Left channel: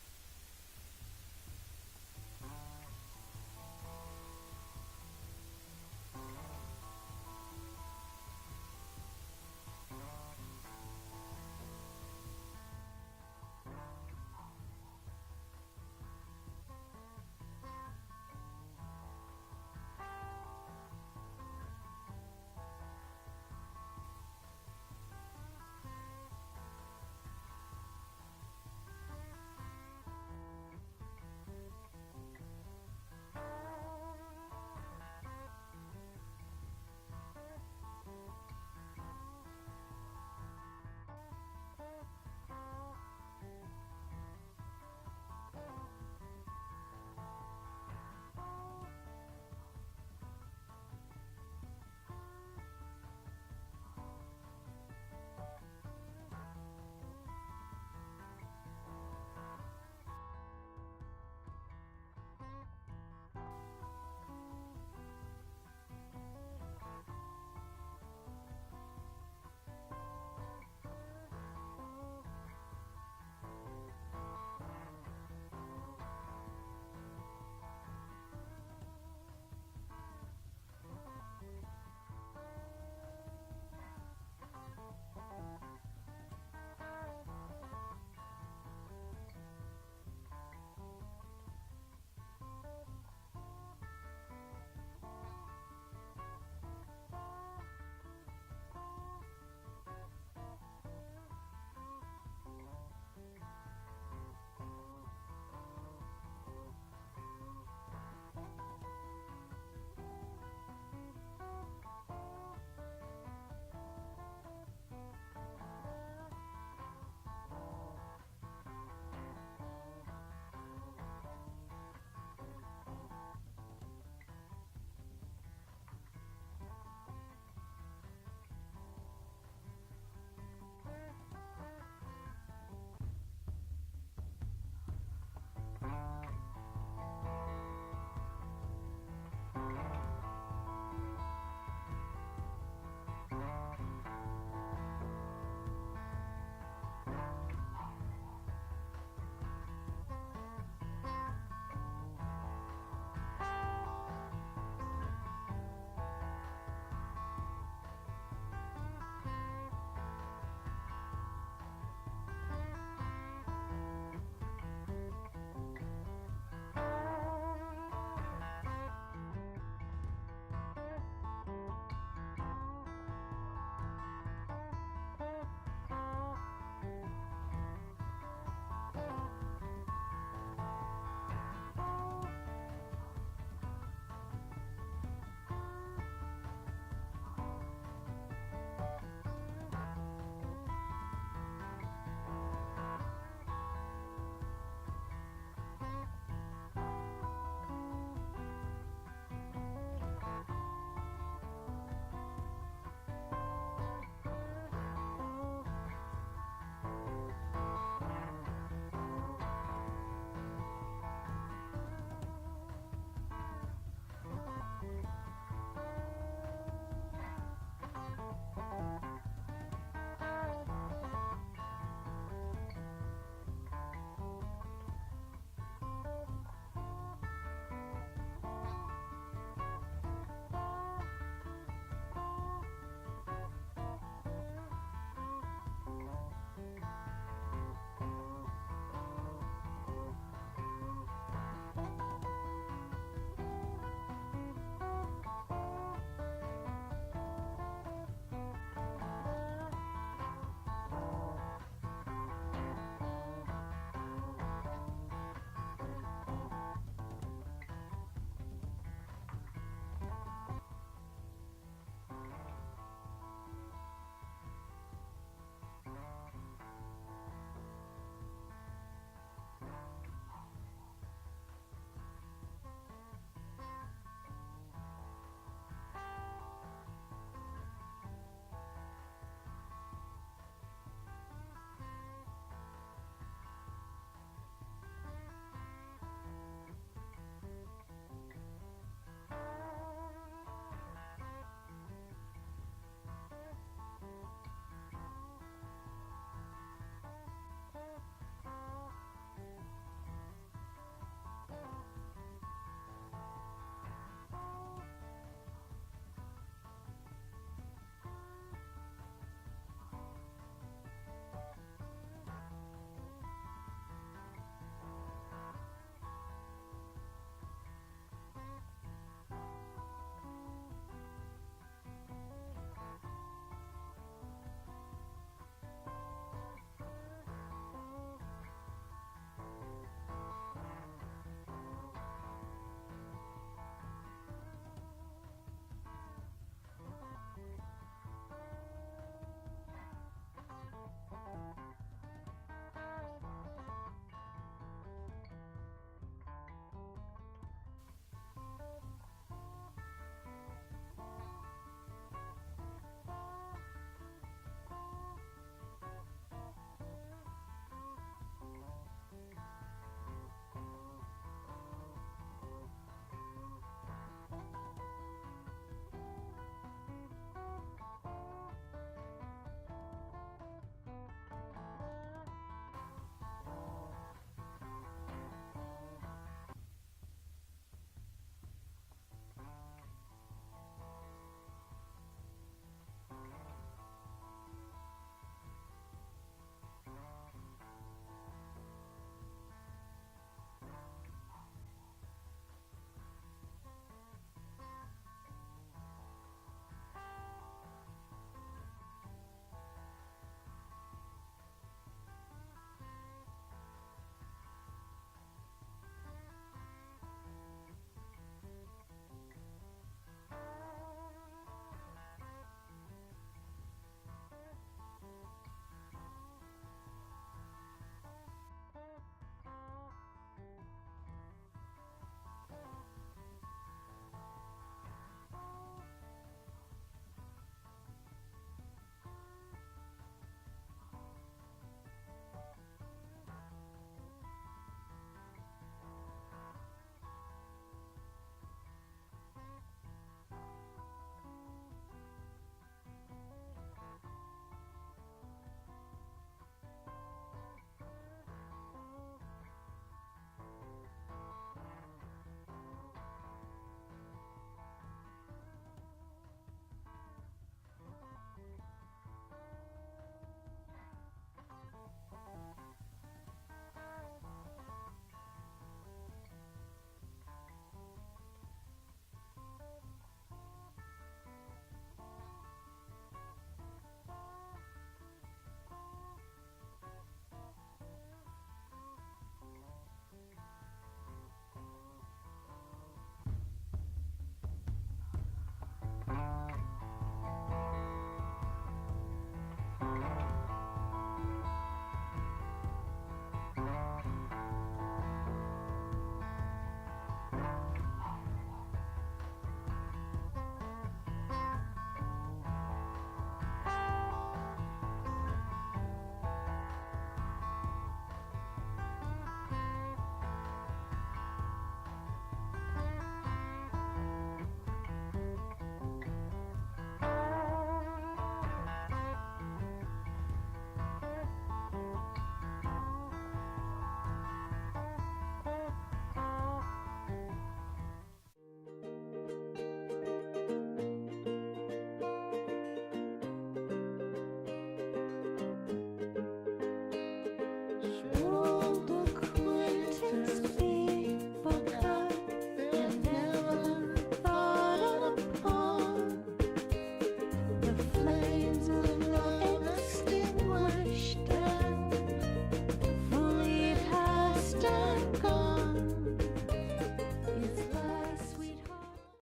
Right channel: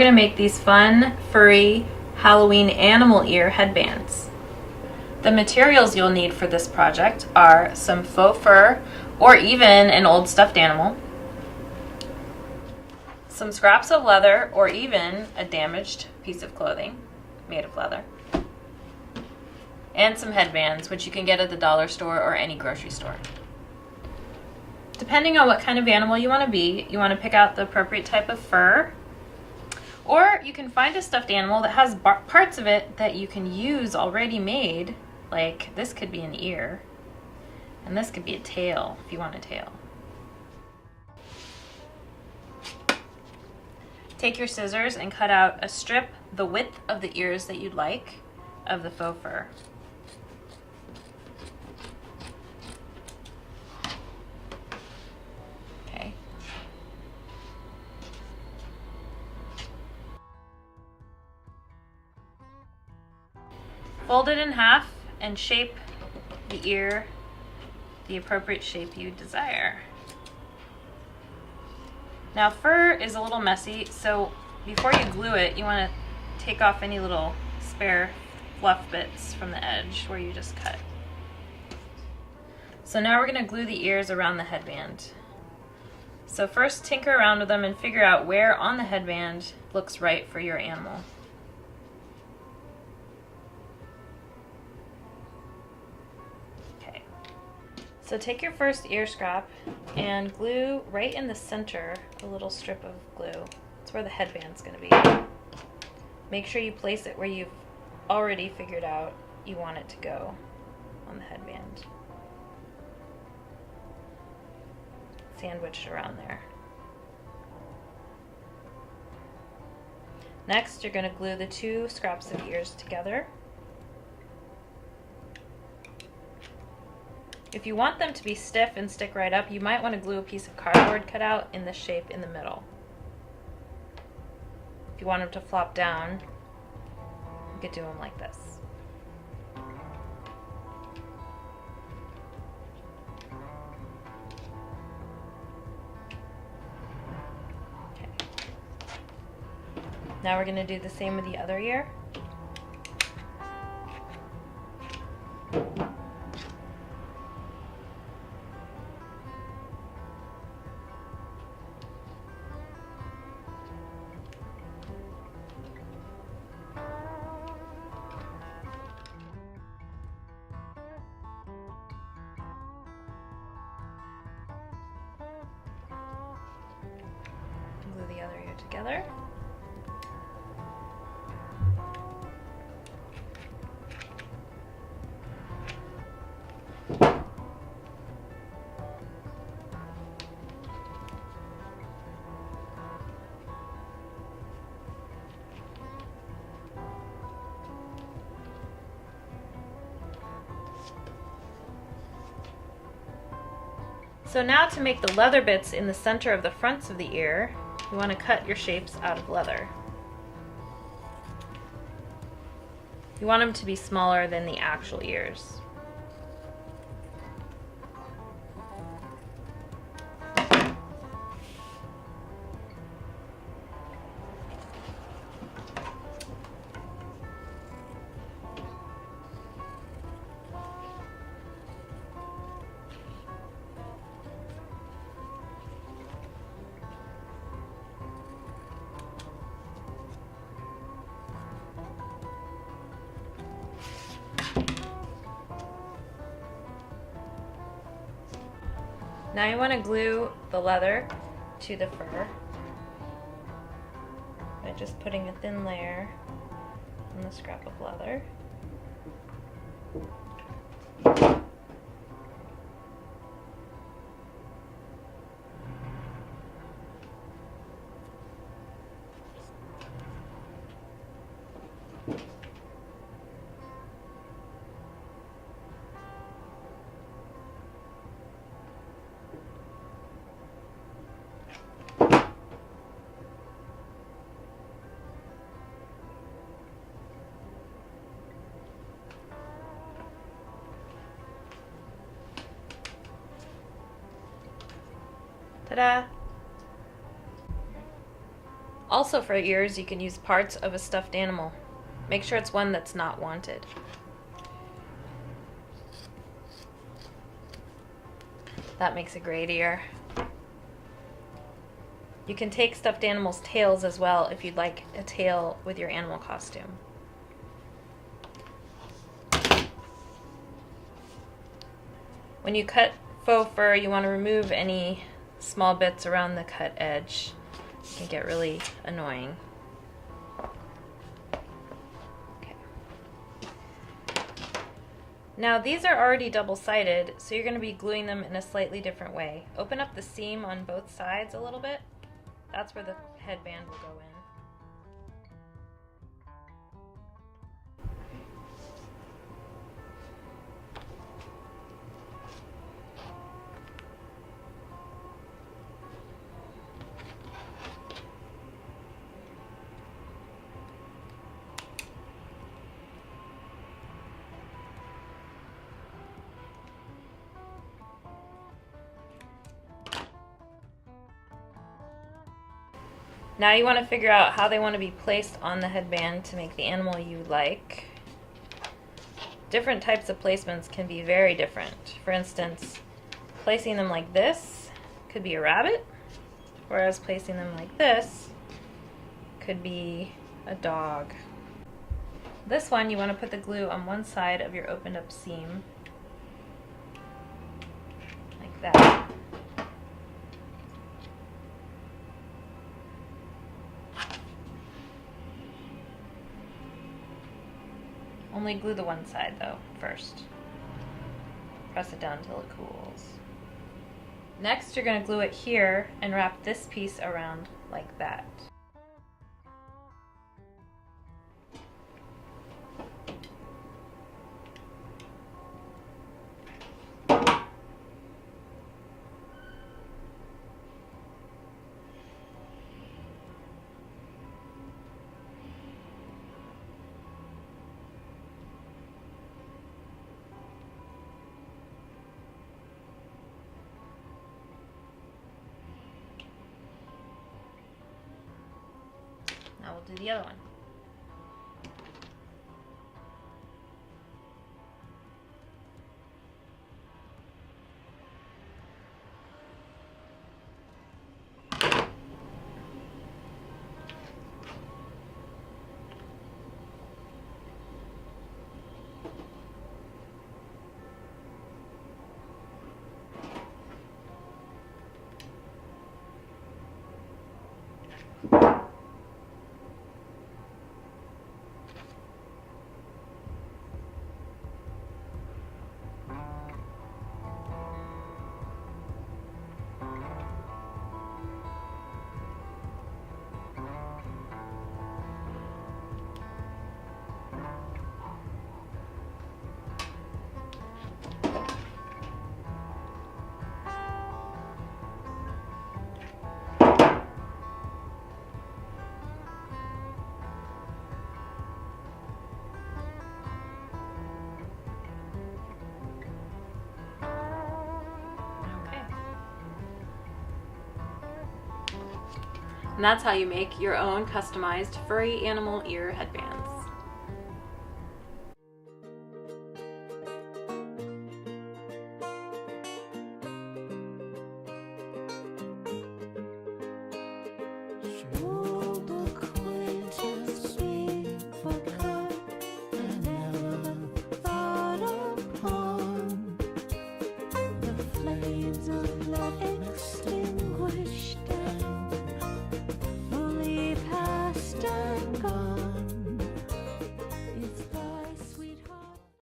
going to make these fun, furry Halloween animal ear headbands. The materials you'll need for this project are some faux fur or even an old stuffed animal, some scraps of leather or even a damaged piece of clothing made of leather, and some headbands, which you can get at the dollar store or any grocery store. Depending on what kind of animal you want to be, you want to pick out the appropriate type of fur, or you can find a stuffed animal that has parts of it that you can use already made, like this could be an ear, and this could be a tail if you want a tail. Take your scissors and cut out a strip the width of the ears that you'd like of the faux fur. Okay. Fold it in half and shape the ear the appropriate shape you desire. Now, fur is a little messy, so before you glue it, you want to take off any little spare fluff bits from the edge where you just cut. So now we're going to glue the ears around the headband. So first tinker around with them and figure out where on the headband looks right for your animal. Okay. So take your first ear scrap and glue right in the center a little strip of glue. It's where the headband's going to be. Make sure you place it where you've already figured out you want it to go on the headband. Sandwiched around there. Next, you're going to glue the two scraps of ears together. If you want them to be stiff and stick right up, you might want to glue a piece of cardboard cut out in the shape in the middle. If you want them to flop down, you could do them like this. Okay. Now we're going to do the same with the other ear. Glue the other ear together. So now to make the leather bits in the center of the fronts of the ear, you want to cut your shapes out of leather. You want them to be smaller than the actual ears. Now you want to glue the leather to the fur by just putting a thin layer on the scrap of leather. Ta-da! Also for ears, you can use parts of a stuffed animal. Make sure it's one that's not wanted. That makes a great ear. You can take stuffed animals' tails as well if you'd like a tail with your animal costume. When you cut faux fur, you want to remove any small bits around the cut edge. It can get really annoying. Okay. Now these are already double-sided, so you're going to be gluing them in a slightly different way. Open up the seam on both sides a little bit. That's where the headband will go in. Now you want to figure out how they want to be placed on the headband to make the animal you like. Different types of placements can be very different. For instance, placing them like this could be a rabbit, whereas placing them like this could be a dog. This one, you want to put the glue on one side of your opened up seam, like that. Only glue the one side though first. Press it down until it cools. Next, you're going to glue it here and wrap this piece around like that. Now we'll do the other one. And that's how you make your own customized furry animal ear headbands. Sure.